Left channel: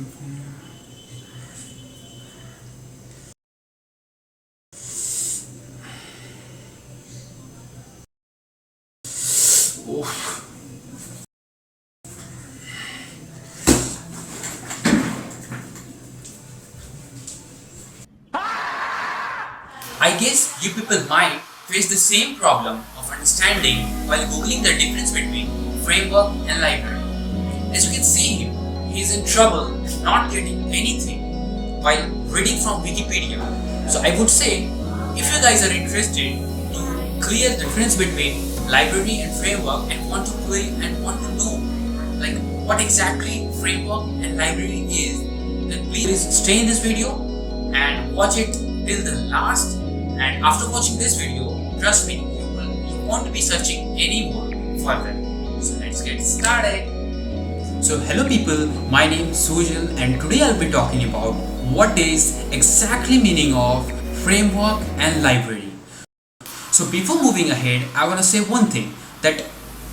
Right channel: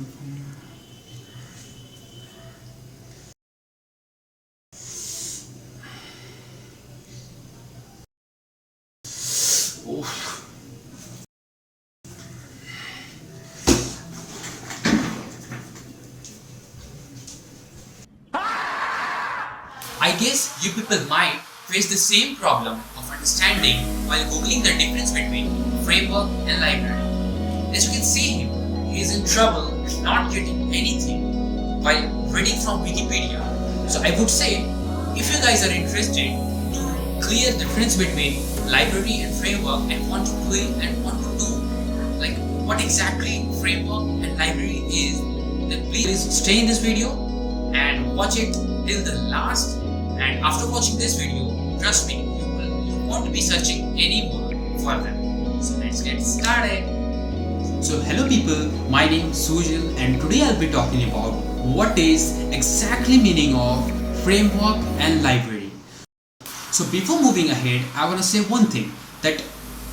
Oh. I guess you people might face the same problem of understanding while googling the difference between framework and library. As you can see him, he is in trouble not getting anything while reading from Wikipedia. So I would say, if you guys are interested to clear the difference between library and framework and want to play and want to know like what exactly framework and library is, then please stay in this video and watch it till the last. And after watching this video, trust me, you won't be searching anymore further. So let's get started. So hello people, my name is Sujil and today I'll be talking about what is exactly meaning of framework and library. So before moving ahead, I want to say one thing, that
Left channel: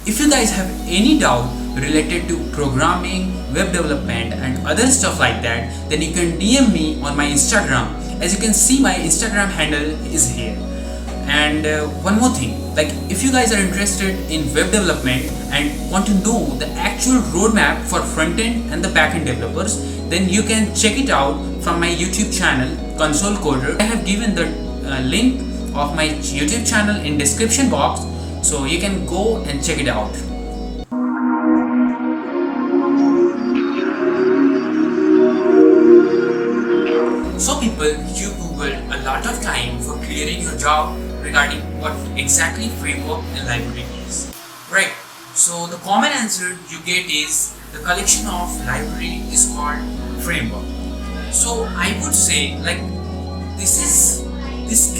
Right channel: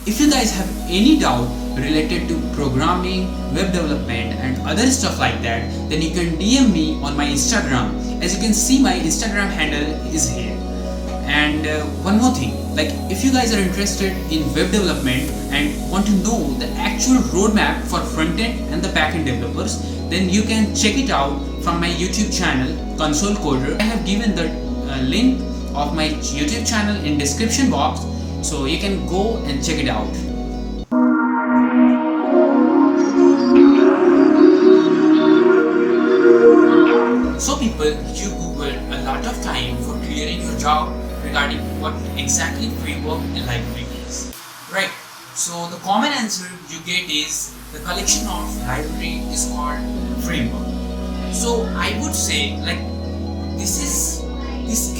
if you guys have any doubt related to programming, web development and other stuff like that, then you can DM me on my Instagram. As you can see, my Instagram handle is here. And one more thing, like if you guys are interested in web development and want to know the actual roadmap for front-end and the back-end developers, then you can check it out from my YouTube channel, Console Coder. I have given the link of my YouTube channel in description box, so you can go and check it out. So people, you googled a lot of time for clearing your doubt regarding what exactly framework and library is, right? So the common answer you get is the collection of library is called framework. So I would say like this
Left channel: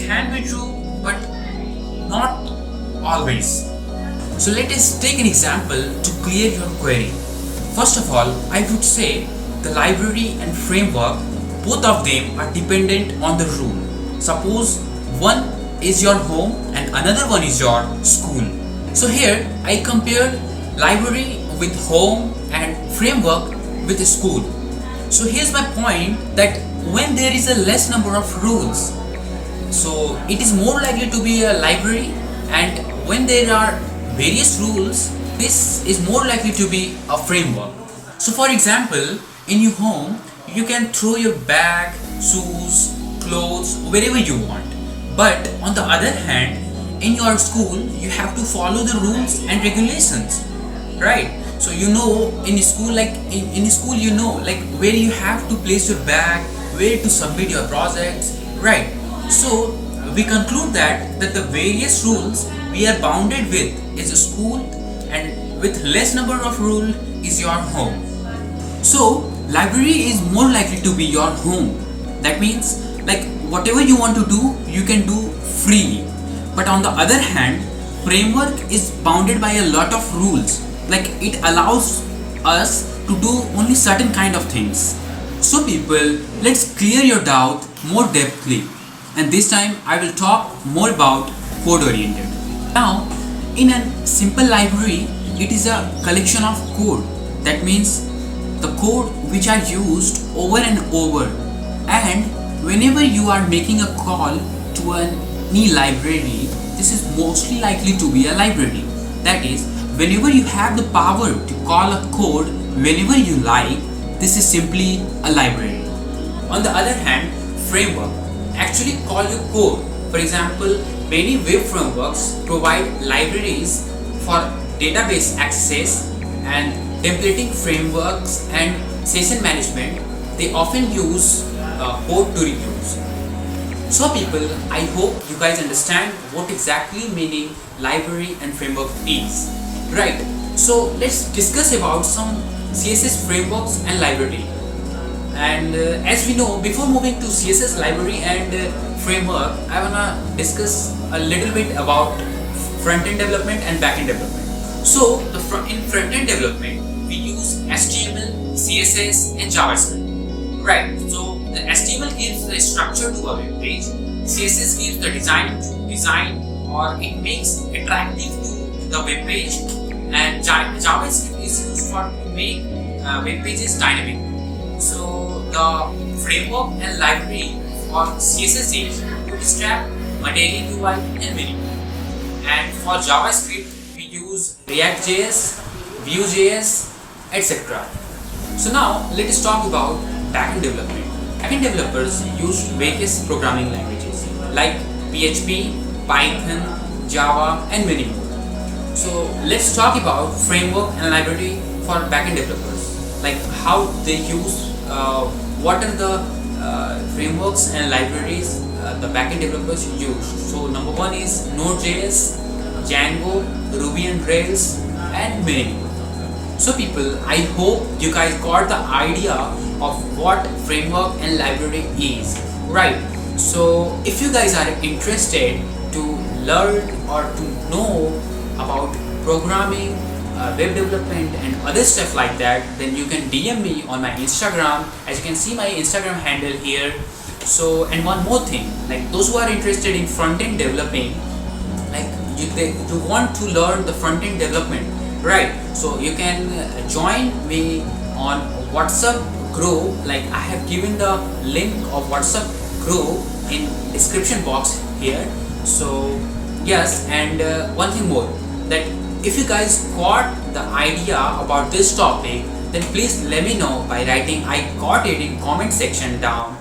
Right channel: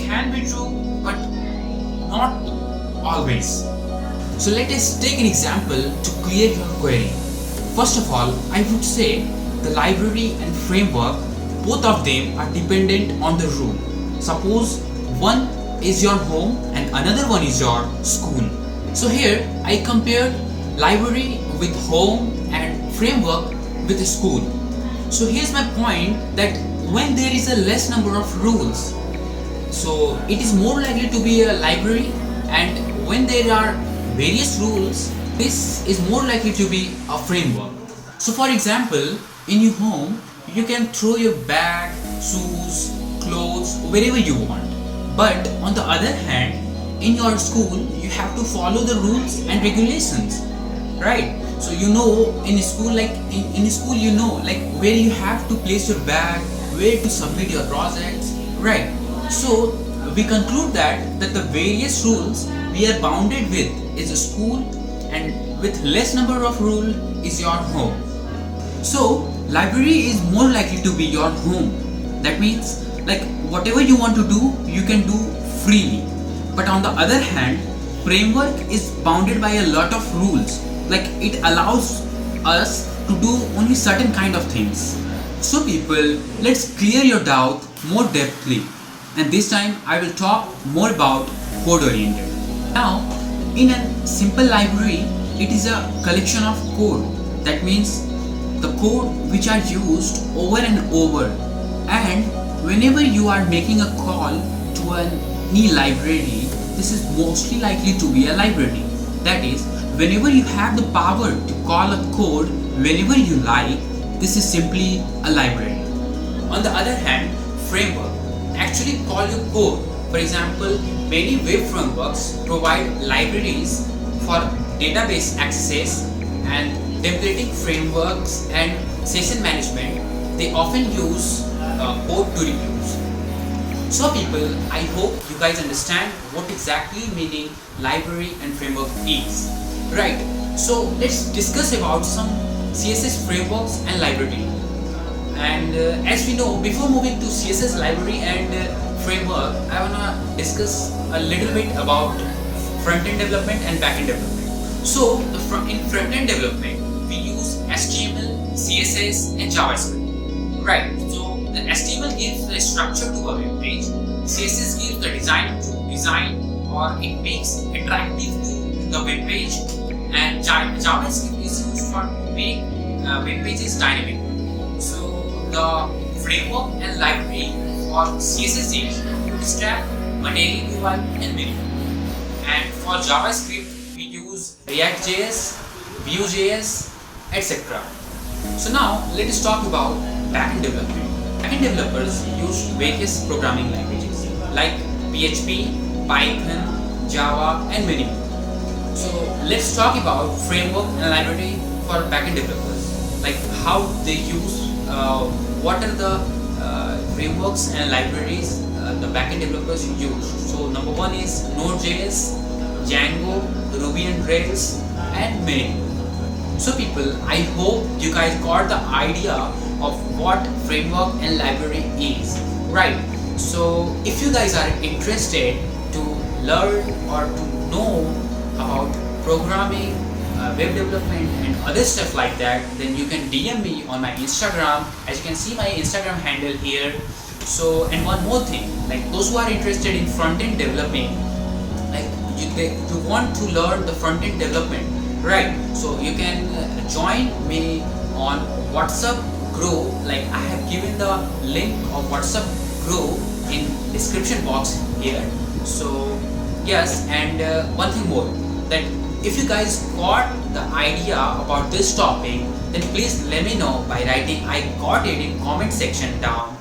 can be true, but not always. So let us take an example to clear your query. First of all, I would say the library and framework, both of them are dependent on the rule. Suppose one is your home and another one is your school. So here I compared library with home and framework with school. So here's my point, that when there is a less number of rules, so it is more likely to be a library, and when there are various rules, this is more likely to be a framework. So for example, in your home, you can throw your bag, shoes, clothes wherever you want. But on the other hand, in your school, you have to follow the rules and regulations, right? So you know in school, like in school, you know like where you have to place your bag, where to submit your projects, right? So we conclude that the various rules we are bounded with is a school, and with less number of rules is your home. So library is more likely to be your home. That means like whatever you want to do, you can do freely. But on the other hand, framework is bounded by a lot of rules. Like it allows us to do only certain kind of things. So people, let's clear your doubt more depthly. And this time I will talk more about code oriented. Now, in a simple library, it is a collection of code. That means the code which are used over and over, and whenever you are making a call to any library, this is mostly likely to be a library. That is, whenever you have the power to call a code whenever you like, this is simply a library. On the other hand, framework actually call your code. For example, many web frameworks provide libraries for database access and templating frameworks and session management. They often use code to reuse. So people, I hope you guys understand what exactly meaning library and framework is, right? So let's discuss about some CSS frameworks and library. And as we know, before moving to CSS library and framework, I wanna discuss a little bit about front-end development and back-end development. So in front-end development, we use HTML, CSS and JavaScript, right? So the HTML gives the structure to a web page, CSS gives the design or it makes attractive to the web page, and JavaScript is used for make web pages dynamic. So the framework and library for CSS is Bootstrap, Material UI, and many more. And for JavaScript, we use React.js, Vue.js, etc. So now let us talk about backend development. Backend developers use various programming languages like PHP, Python, Java, and many more. So let's talk about framework and library for backend developers, like how they use, what are the frameworks and libraries the backend developers use. So number one is Node.js, Django, Ruby and Rails, and many more. So people, I hope you guys got the idea of what framework and library is, right? So if you guys are interested to learn or to know about programming, web development and other stuff like that, then you can DM me on my Instagram. As you can see my Instagram handle here. So, and one more thing, like those who are interested in front-end developing, like you want to learn the front-end development, right? So you can join me on WhatsApp group. Like I have given the link of WhatsApp group in description box here. So yes, and one thing more, that if you guys got the idea about this topic, then please let me know by writing I got it in comment section down.